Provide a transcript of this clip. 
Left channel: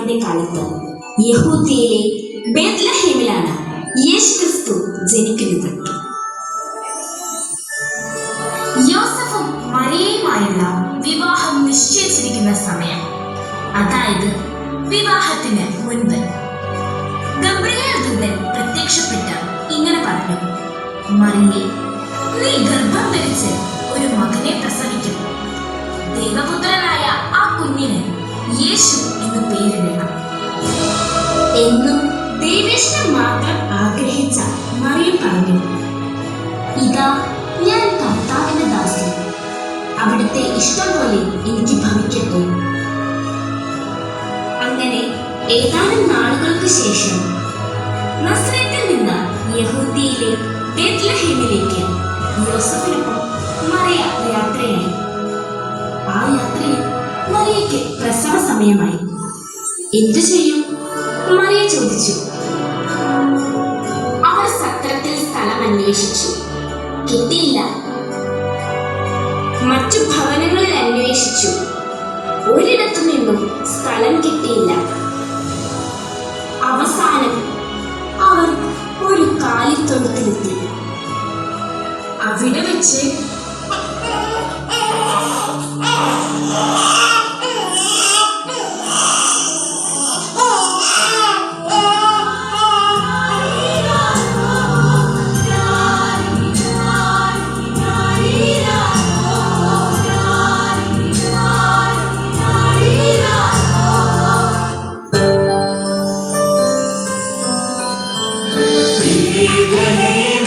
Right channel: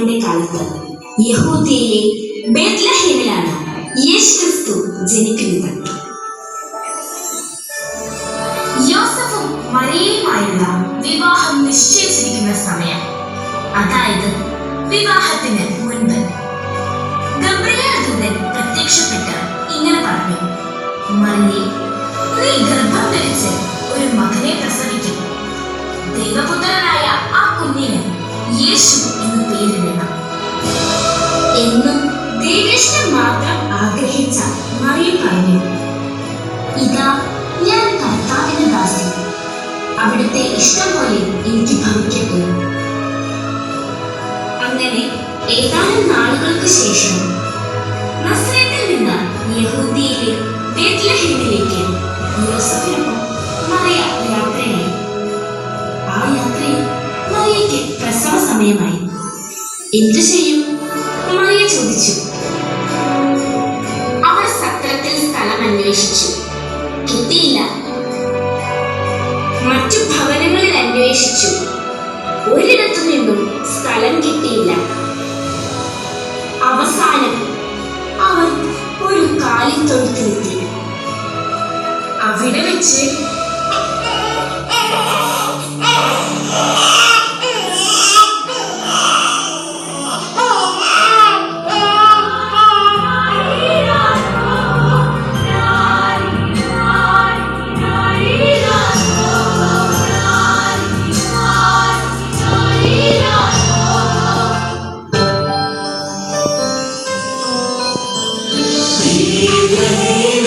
പിതാവിന്റെ കാലത്ത് യഹൂദിയയിലെ ബേത്ലഹേമിലാണ് യേശുക്രിസ്തു ജനിക്കുന്നത്. യോസഫും മറിയയുമായുള്ള വിവാഹം നിശ്ചയിച്ചിരിക്കുന്ന സമയം. അതായത് വിവാഹത്തിന് മുൻപ്. ഗബ്രിയേൽ ദൂതൻ പ്രത്യക്ഷപ്പെട്ട് ഇങ്ങനെ പറഞ്ഞു മറിയേ അവിടുത്തെ ഇഷ്ടം പോലെ എനിക്ക് ഭവിക്കട്ടെ. അങ്ങനെ ഏതാനും നാളുകൾക്ക് ശേഷം നസ്രത്തിൽ നിന്ന് യഹൂദിയിലെ ബേത്ലഹേമിലേക്ക് യോസഫിനൊപ്പം മറിയ യാത്രയായി. ആ യാത്രയിൽ മറിയയ്ക്ക് പ്രസവ സമയമായി. എന്തു ചെയ്യും? മറിയ ചോദിച്ചു. അവർ സത്രത്തിൽ സ്ഥലം അന്വേഷിച്ചു കിട്ടിയില്ല. മറ്റു ഭവനങ്ങളിൽ അന്വേഷിച്ചു. ഒരിടത്തു നിന്നും സ്ഥലം കിട്ടിയില്ല. അവസാനം അവൻ ഒരു കാലിത്തൊഴുത്തിലെത്തി അവിടെ വെച്ച് ും He